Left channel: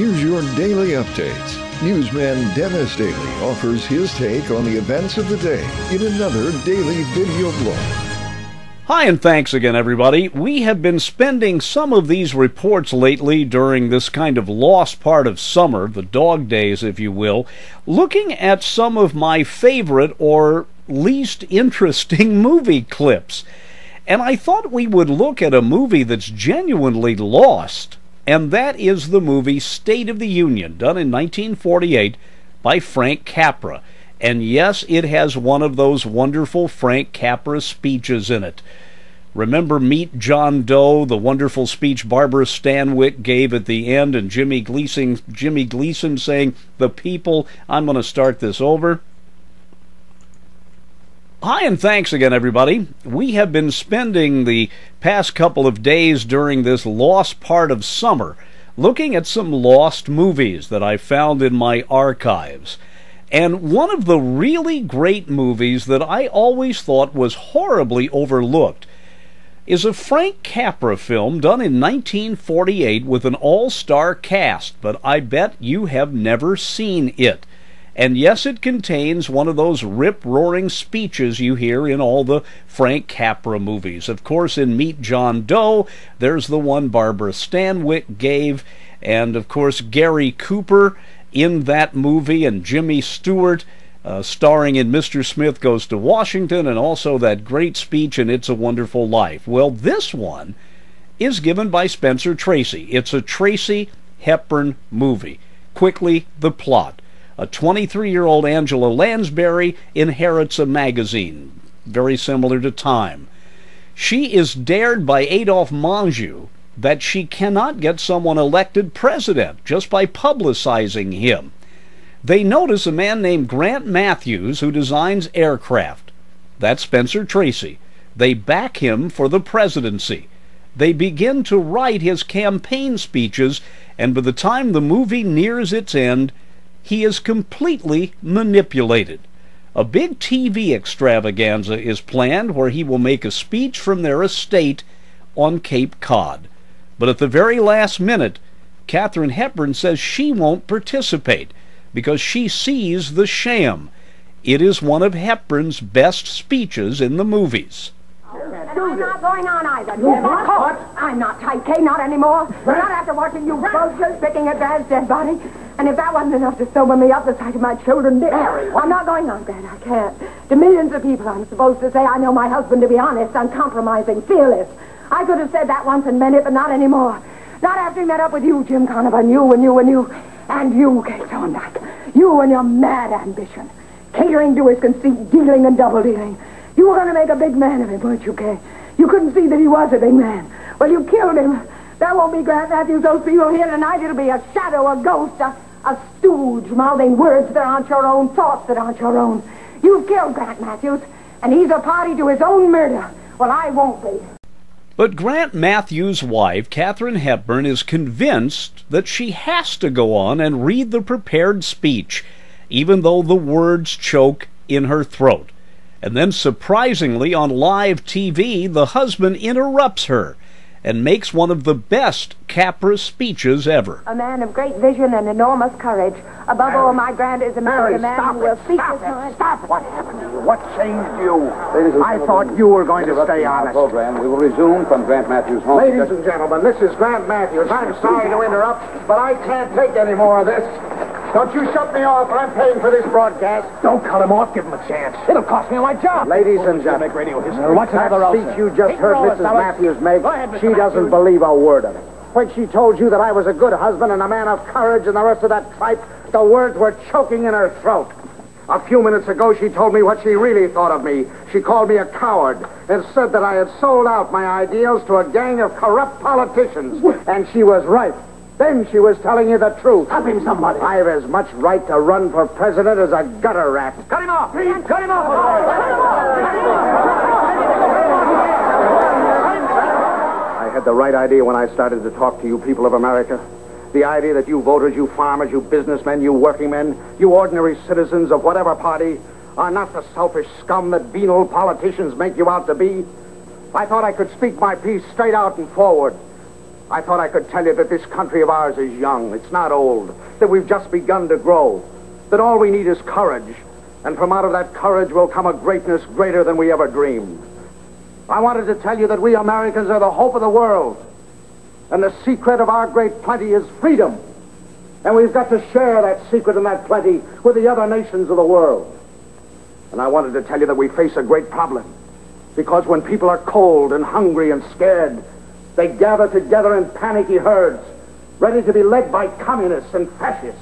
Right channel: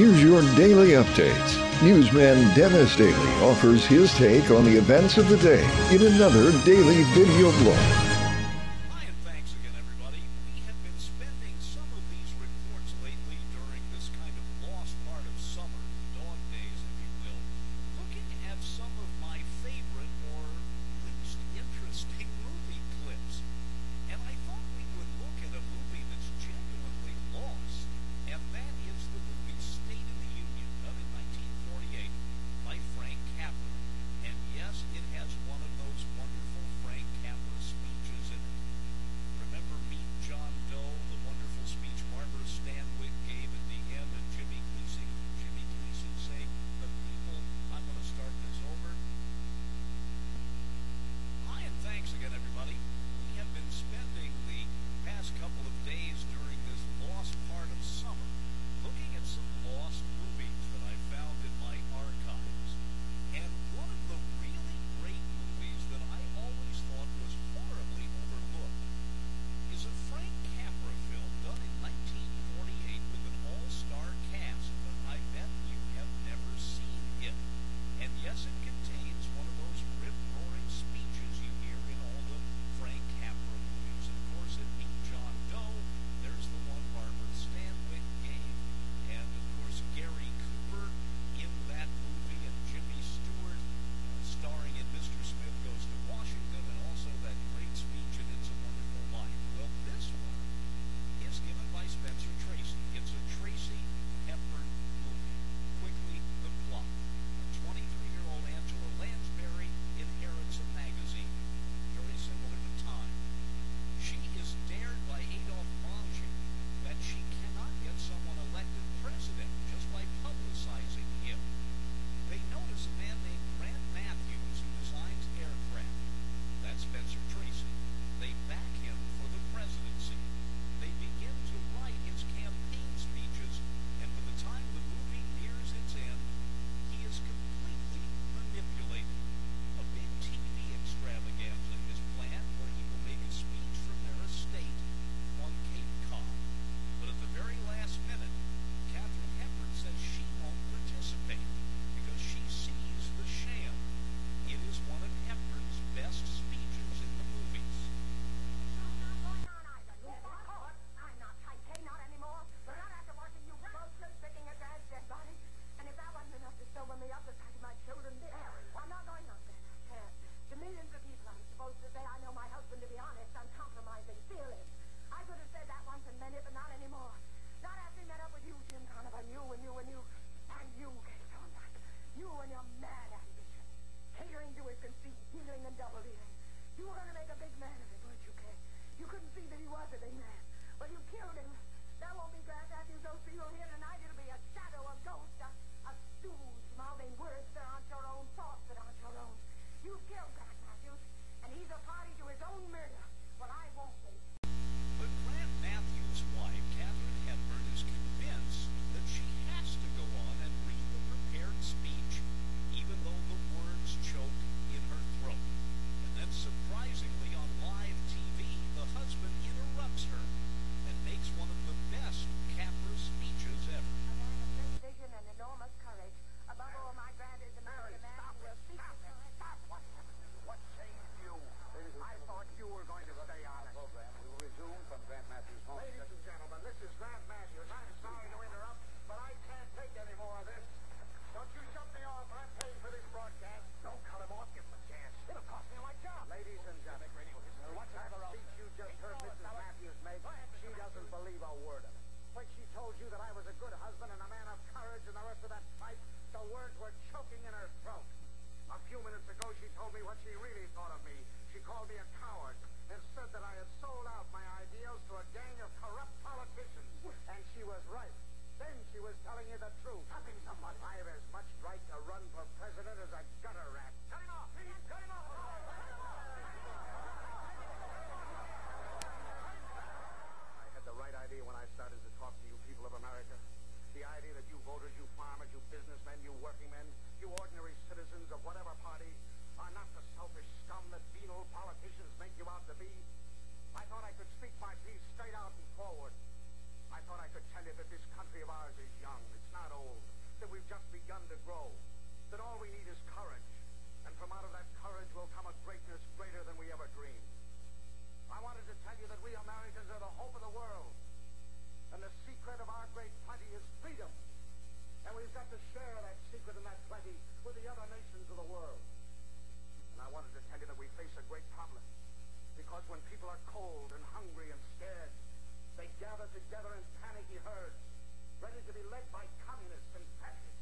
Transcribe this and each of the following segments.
Here's your daily updates. Newsman Dennis Daily offers his take on the events of the day in another daily video blog. Hi, and thanks again, everybody. We have been spending some of these reports lately during this kind of lost part of summer, the dog days, if you will, looking at some of my favorite or least interesting movie clips. And I thought we would look at a movie that's genuinely lost, and that is the movie State of the Union, done in 1948 by Frank Capra. And yes, it has one of those wonderful Frank Capra speeches in it. Remember Meet John Doe, the wonderful speech Barbara Stanwyck gave at the end, and Jimmy Gleason saying, "The people," I'm going to start this over. Hi, and thanks again, everybody. We have been spending the past couple of days during this lost part of summer looking at some lost movies that I found in my archives. And one of the really great movies that I always thought was horribly overlooked is a Frank Capra film done in 1948 with an all-star cast, but I bet you have never seen it. And yes, it contains one of those rip-roaring speeches you hear in all the Frank Capra movies. Of course, in Meet John Doe, there's the one Barbara Stanwyck gave, and of course Gary Cooper in that movie, and Jimmy Stewart starring in Mr. Smith Goes to Washington, and also that great speech in It's a Wonderful Life. Well, this one is given by Spencer Tracy. It's a Tracy Hepburn movie. Quickly, the plot. A 23-year-old Angela Lansbury inherits a magazine, very similar to Time. She is dared by Adolphe Menjou that she cannot get someone elected president just by publicizing him. They notice a man named Grant Matthews who designs aircraft. That's Spencer Tracy. They back him for the presidency. They begin to write his campaign speeches, and by the time the movie nears its end, he is completely manipulated. A big TV extravaganza is planned where he will make a speech from their estate on Cape Cod. But at the very last minute, Katharine Hepburn says she won't participate because she sees the sham. It is one of Hepburn's best speeches in the movies. I'm not going on either, Jim. What? I'm not tight, Kay, not anymore. Not after watching you vultures picking at Dad's dead body. And if that wasn't enough to sober me up, the sight of my children did. I'm not going on, Dad. I can't. To millions of people, I'm supposed to say I know my husband to be honest, uncompromising, fearless. I could have said that once and meant it, but not anymore. Not after he met up with you, Jim Conover, and you, Kay Thorndyke. You and your mad ambition. Catering to his conceit, dealing and double-dealing. You were going to make a big man of him, weren't you, Kay? You couldn't see that he was a big man. Well, you killed him. There won't be Grant Matthews, those people here tonight. It'll be a shadow, a ghost, a stooge mouthing words that aren't your own, thoughts that aren't your own. You've killed Grant Matthews, and he's a party to his own murder. Well, I won't be. But Grant Matthews' wife, Katharine Hepburn, is convinced that she has to go on and read the prepared speech, even though the words choke in her throat. And then, surprisingly, on live TV, the husband interrupts her and makes one of the best Capra speeches ever. A man of great vision and enormous courage. Above all, my Grant is a man who will speak his mind. Stop! What happened to you? What changed you? I thought you were going to stay honest. Program. We will resume from Grant Matthews' home. Ladies and gentlemen, this is Grant Matthews. I'm sorry to interrupt, but I can't take any more of this. Don't you shut me off. I'm paying for this broadcast. Don't cut him off. Give him a chance. It'll cost me my job. Ladies and gentlemen, make radio history. What's that another speech you just heard Mrs. Matthews make, she doesn't believe a word of it. When she told you that I was a good husband and a man of courage and the rest of that tripe, the words were choking in her throat. A few minutes ago, she told me what she really thought of me. She called me a coward and said that I had sold out my ideals to a gang of corrupt politicians. And she was right. Then she was telling you the truth. Stop him, somebody. I have as much right to run for president as a gutter rat. Cut him off. Cut him off. I had the right idea when I started to talk to you people of America. The idea that you voters, you farmers, you businessmen, you working men, you ordinary citizens of whatever party are not the selfish scum that venal politicians make you out to be. I thought I could speak my piece straight out and forward. I thought I could tell you that this country of ours is young. It's not old. That we've just begun to grow. That all we need is courage. And from out of that courage will come a greatness greater than we ever dreamed. I wanted to tell you that we Americans are the hope of the world. And the secret of our great plenty is freedom. And we've got to share that secret and that plenty with the other nations of the world. And I wanted to tell you that we face a great problem. Because when people are cold and hungry and scared, they gather together in panicky herds, ready to be led by communists and fascists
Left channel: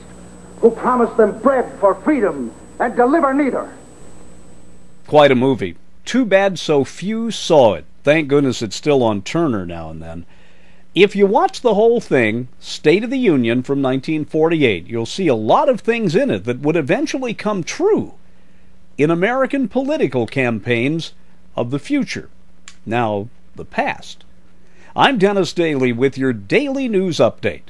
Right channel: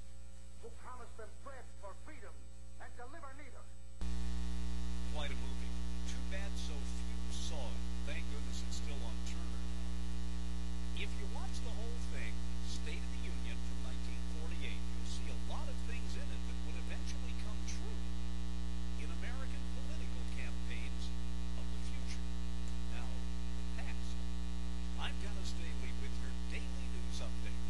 who promise them bread for freedom and deliver neither. Quite a movie. Too bad so few saw it. Thank goodness it's still on Turner now and then. If you watch the whole thing, State of the Union from 1948, you'll see a lot of things in it that would eventually come true in American political campaigns of the future. Now, the past. I'm Dennis Daly with your Daily News Update.